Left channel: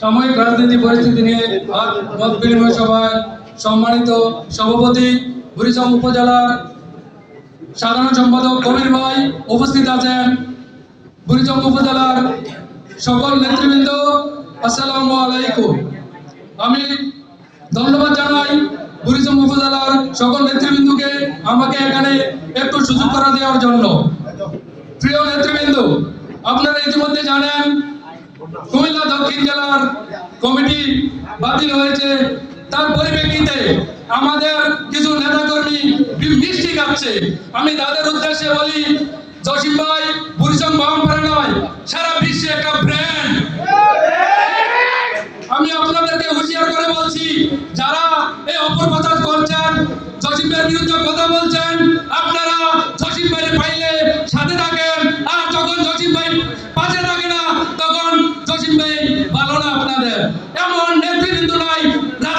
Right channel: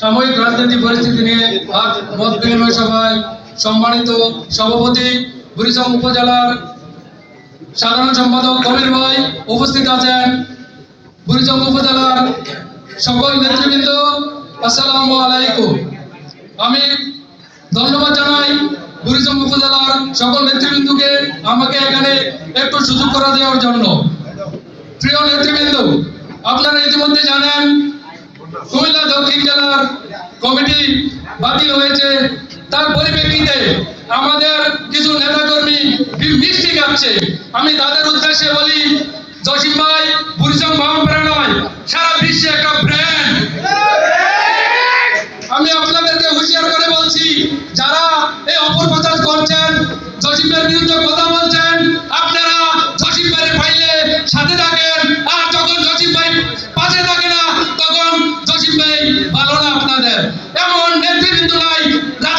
সাময়িক রাজনীতি পরিস্থিতি নিয়ে আজ মত বিনিময় সভায় সম্মানিত সভাপতি বুড়িচং উপজেলার সাধারণ সম্পাদক কবির ভাই উপস্থিত আছেন। বুড়িচং উপজেলার সকল নেতৃবৃন্দ, আসসালামু আলাইকুম। আমি ধন্যবাদ জানাই বুড়িচং উপজেলার সকল নেতৃবৃন্দকে আমাকে এখানে একটু সুযোগ করা দেওয়ার জন্য। প্রিয় নেতৃবৃন্দ, আপনারা ইতিমধ্যে জানেন, কুমিল্লা দক্ষিণ জেলার কমিটি বাতিল হয়েছে। তার পরিপ্রেক্ষিতে আমাদের কিছু নেতাকর্মী মিষ্টি কাটছে। আমি তাদের উদ্দেশ্যে বলি, জসিম ভাই বুড়িচং মহাপ্রাণ নয় সারা বিশ্বে একটা ব্র্যান্ড আমি আপনাদেরকে হুঁশিয়ার করে বলছি, যারা এই অপপ্রচার করছেন, জসিমের বিরুদ্ধে কথা বলছেন নাই